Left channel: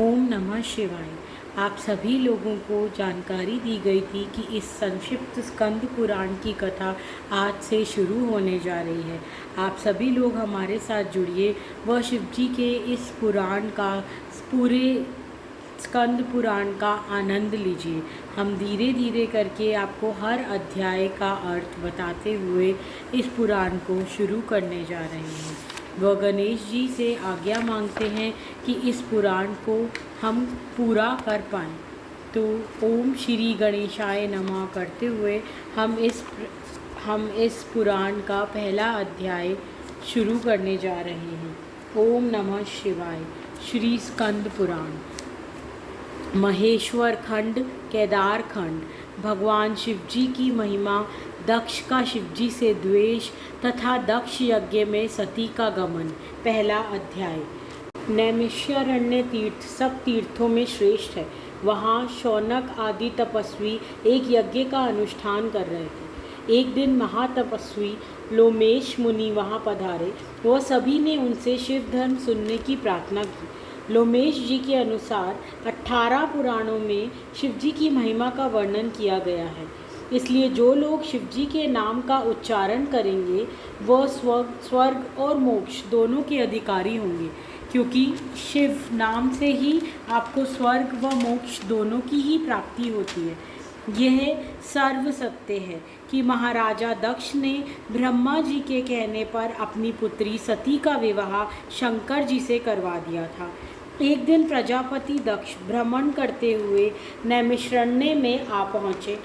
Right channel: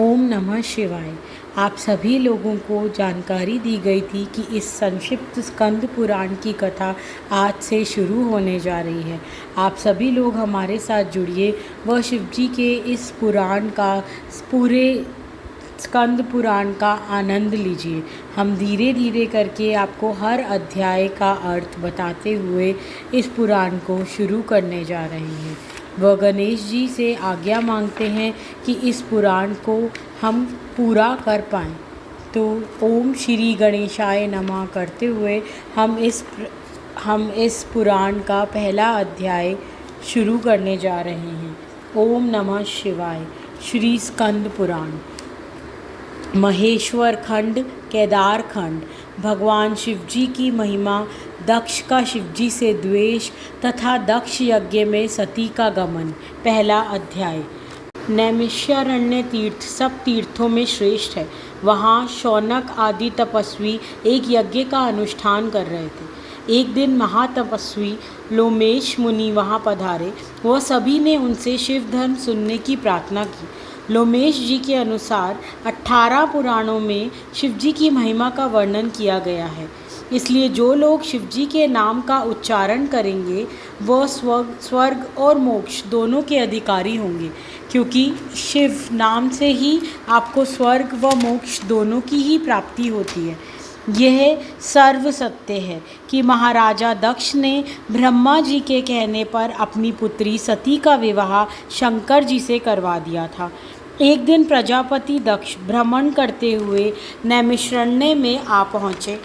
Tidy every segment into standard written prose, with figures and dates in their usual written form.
ओम नमः शिवाय। आप सभी लोगों को जानकारी दी गई थी कि इस संक्षिप्त स्कंद पुराण की कथा आज से शुरू होने जा रही है। आप सभी लोग हमारे साथ जुड़िए व शिवजी के इस पुराण का पूरे स्कंद पुराण का आनंद लीजिए। हम धीरे धीरे करके आपको हर अध्याय का अर्थ बताते हुए इस पुराण को शुरू करने जा रहे हैं। वह गणेश जी से आज्ञा मांगते हैं कि इस पुराण को हम पूरा कर पाएँ। तो ओम श्री गणेशाय नमः करते हुए हम इस पुराण का पहला अध्याय शुरू करने जा रहे हैं। ओम नमः शिवाय। श्री स्कंद पुराण। महेश्वर खंड, केदार खंड। भगवान शिवजी की महिमा, दक्ष का शिवजी से द्वेष तथा दक्ष यज्ञ में सती का गमन। पहला अध्याय। नैमिषारण्य तीर्थ सब तीर्थों में श्रेष्ठ है। वहाँ शौनक आदि तपस्वी एक यज्ञ का अनुष्ठान कर रहे थे। एक दिन महातपस्वी लोमेश मुनि वहाँ पधारे। वह सभी ने उनसे शिव धर्म सुनने की प्रार्थना की। लोमेश जी के अनुसार 18 पुराणों में शिवजी की महिमा का वर्णन किया गया है। इसलिए जो लोग शिवजी के नाम का उच्चारण करेंगे वह स्वर्ग और मोक्ष दोनों के अधिकारी होंगे, क्योंकि शिव नाम से ही आपको स्वर्ग व मोक्ष दोनों की ही प्राप्ति होती है। यह सर्व सत्य है कि महाराजा दक्ष ने ब्रह्मा जी के कहने पर अपनी पुत्री सती का विवाह शंकर जी से करवा दिया था। एक दिन प्रजापति दक्ष भ्रमण करते हुए नैमिषारण्य में आ पहुँचे,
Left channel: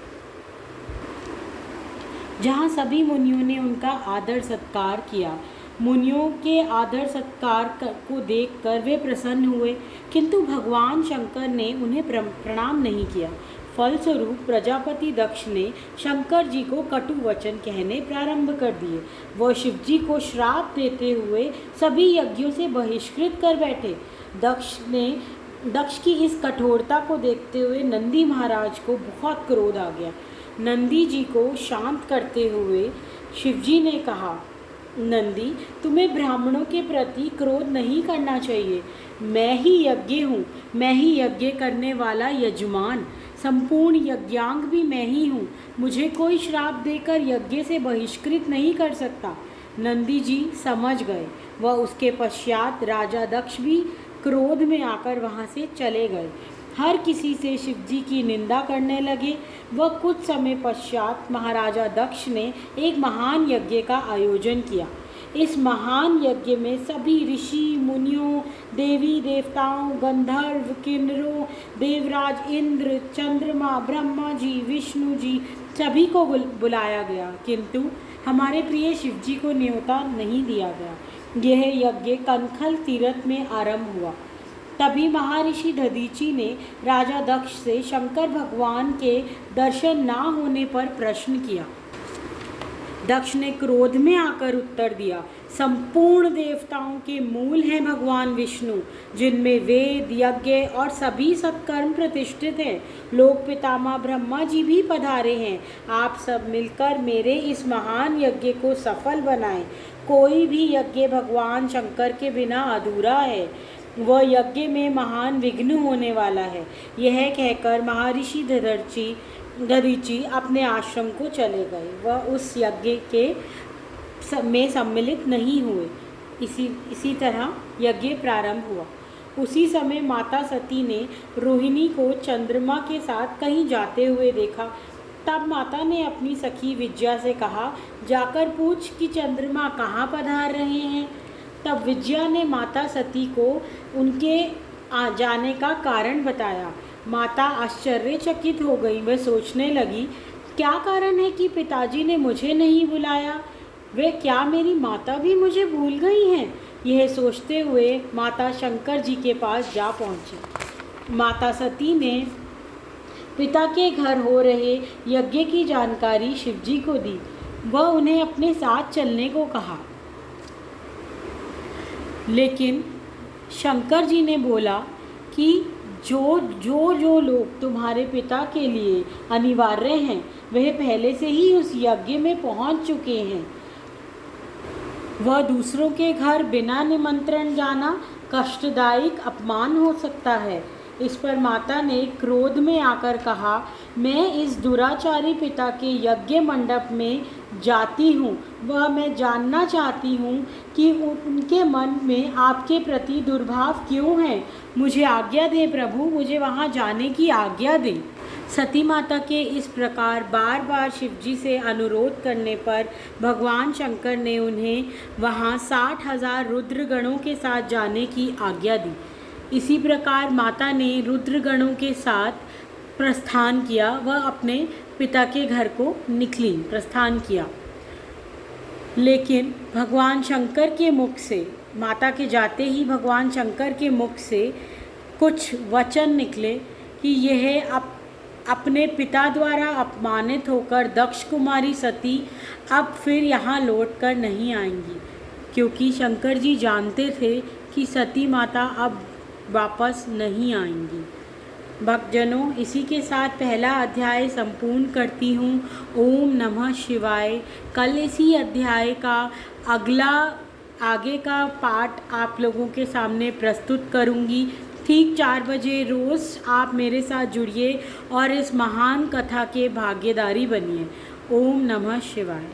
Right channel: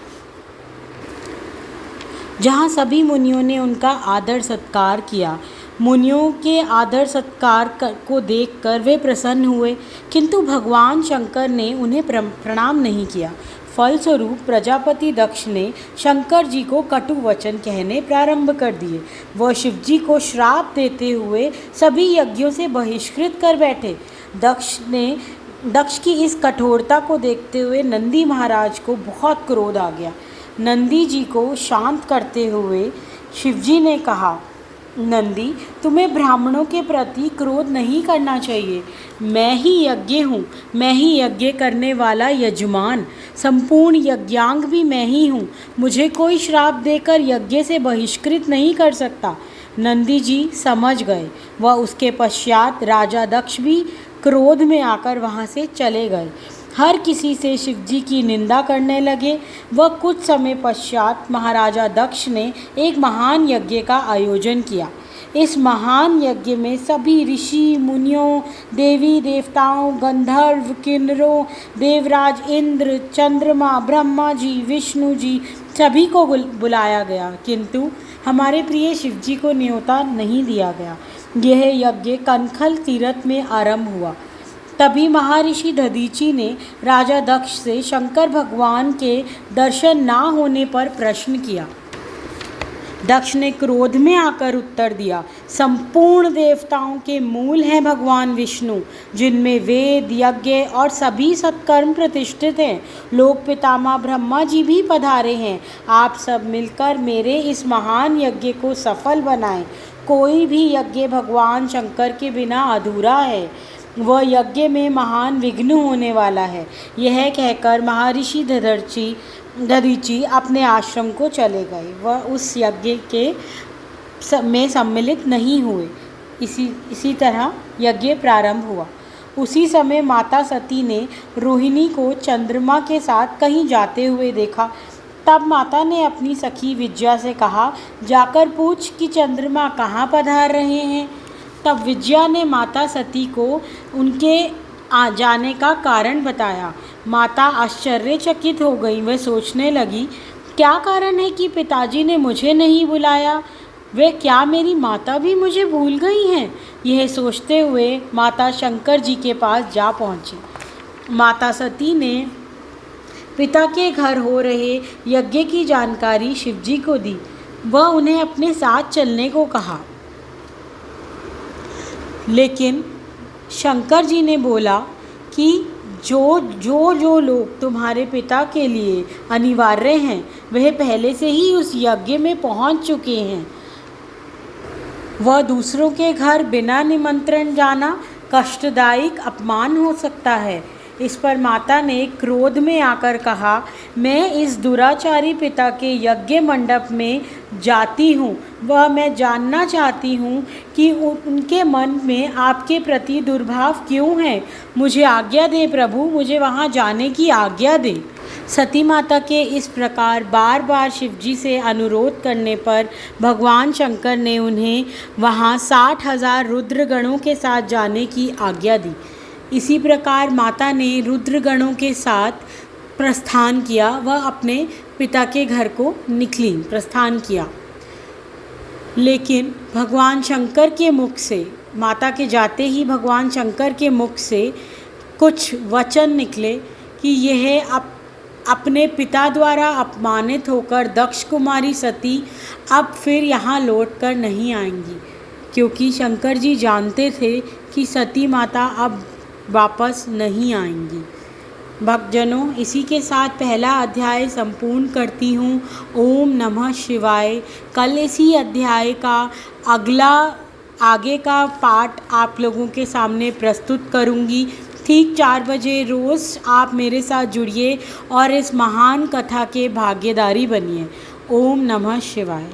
जहाँ सभी मुनियों ने उनका आदर सत्कार किया। मुनियों के आदर सत्कार को देखकर वे प्रसन्न हुए, किंतु भगवान शंकर ने उन्हें प्रणाम नहीं किया। फलस्वरूप प्रजापति दक्ष ने शंकर जी को कटु वचन कहने प्रारंभ कर दिए। वह शिवजी को श्राप देते हुए सभी यज्ञों से बहिष्कृत कर बैठे। दक्ष की इस कठोरता को देखते हुए नंदी महाराज को बहुत क्रोध आ गया। नंदी जी को शांत करते हुए शिवजी ने कहा, नंदी, तुम्हें ब्राह्मणों के प्रति क्रोध नहीं करना चाहिए। मैं ही यज्ञ हूँ, मैं ही यज्ञ करने वाला यजमान, संपूर्ण यज्ञांग भी मैं ही हूँ। मुझे कोई श्राप देकर यज्ञ से बहिष्कृत नहीं कर सकता। नंदी जी समझ गए। वह उसके पश्चात राजा दक्ष भी क्रोध में आकर वहाँ से चले गए। हर किसी से शिवजी की निंदा करने लगे। वह कुछ समय पश्चात महाराजा दक्ष ने एक महान यज्ञ का आयोजन किया। इस महान यज्ञ में सभी ऋषि मुनियों, देवी देवताओं, गंधर्व, किन्नरों, देवराज इंद्र, चंद्रमा, ब्रह्मा जी, विष्णु जी सभी को बुलाया गया, किंतु हमारे प्रिय शिवजी को न्योता नहीं दिया गया। यह यज्ञ कनखल तीर्थ में आरंभ हुआ। तभी महर्षि दधीचि ने राजा दक्ष से शंकर भगवान के दर्शन ना होने पर प्रश्न किया। दक्ष ने क्रोध में आकर उत्तर दिया, संपूर्ण देवताओं के मूल हैं भगवान विष्णु, जिनमें वेद, यज्ञ और सभी सत्कर्म प्रतिष्ठित हैं। लोक पितामह ब्रह्मा जी भी पधारे हैं। आप सब मिलकर मेरे इस महान यज्ञ को सफल बनाएं। कोई भी यज्ञ भगवान शंकर के बिना अधूरा है। वह यज्ञ में महान विघ्न होने वाला है। यह कहकर महर्षि दधीचि अपने आश्रम को चले गए। वह उस यज्ञ में सम्मिलित नहीं हुए। इसी तरह यज्ञ प्रारंभ हुआ। उसी समय माता सती ने रोहिणी को चंद्रमा के साथ कहीं जाते हुए देखा। तब माता ने अपनी सखी विद्या से कहा, जाकर पूछ कि चंद्रमा कहाँ पधार रहे हैं। तब विद्या ने माता सती को उनके आ जाने का कारण बताया। माता आश्चर्यचकित हो गई। वह सोचने लगी, क्या कारण है कि पिताजी ने मुझे नहीं बुलाया? वे क्या मेरी माता भी मुझे भूल गई हैं? यह सोचते हुए माता शंकर जी के पास जा पहुँची। माता सती ने पिता के घर हो रहे यज्ञ की जानकारी शिवजी को दी। वह उन्हें अपने साथ चलने को कहा, लेकिन शंकर जी ने बोला कि जो लोग तुम्हारे पिता के लिए अनिवार्य हैं, वह पहले से ही उस यज्ञ में पहुंच चुके हैं। वह दूसरों के घर बिना निमंत्रण जाना कष्टदायक अपमान हो सकता है। इस पर माता ने क्रोध में आकर कहा, मैं इस दुराचारी पिता के यज्ञ मंडप में जाती हूँ। वह मैं जानना चाहती हूँ कि उनके मन में आपके प्रति दुर्भाव क्यों है। मुझे आज्ञा दें प्रभु, मुझे वहाँ जाने की आज्ञा दें। सती माता के इस प्रकार बार बार शिवजी से अनुरोध करने पर भगवान शंकर ने उन्हें वहाँ 60,000 रुद्रगणों के साथ जाने की आज्ञा दी। इसी प्रकार माता ने रुद्रगणों के साथ प्रस्थान किया। वह अपने पिता के घर को निकली, प्रस्थान किया। लेकिन भगवान शंकर के मुख से, माता के जाते ही भगवान शंकर के मुख से कुछ वचन निकले कि यह अपने पिता द्वारा अपमानित होकर दक्ष कुमारी सती अब फिर यहाँ लौट कर नहीं आएंगी, क्योंकि शंकर जी जानते थे कि सती माता अब वापस नहीं आएंगी। भक्तजनों, इसी के साथ पहला अध्याय संपूर्ण करती हूँ। ओम नमः शिवाय। कल इसी अध्याय का आगे का पाठ आप लोगों के सामने प्रस्तुत करूँगी। ठीक 4 बजे रोज़ आप मेरे साथ जुड़िए और इस महान कथा के भागीदारी बनिए। ओम नमः शिवाय।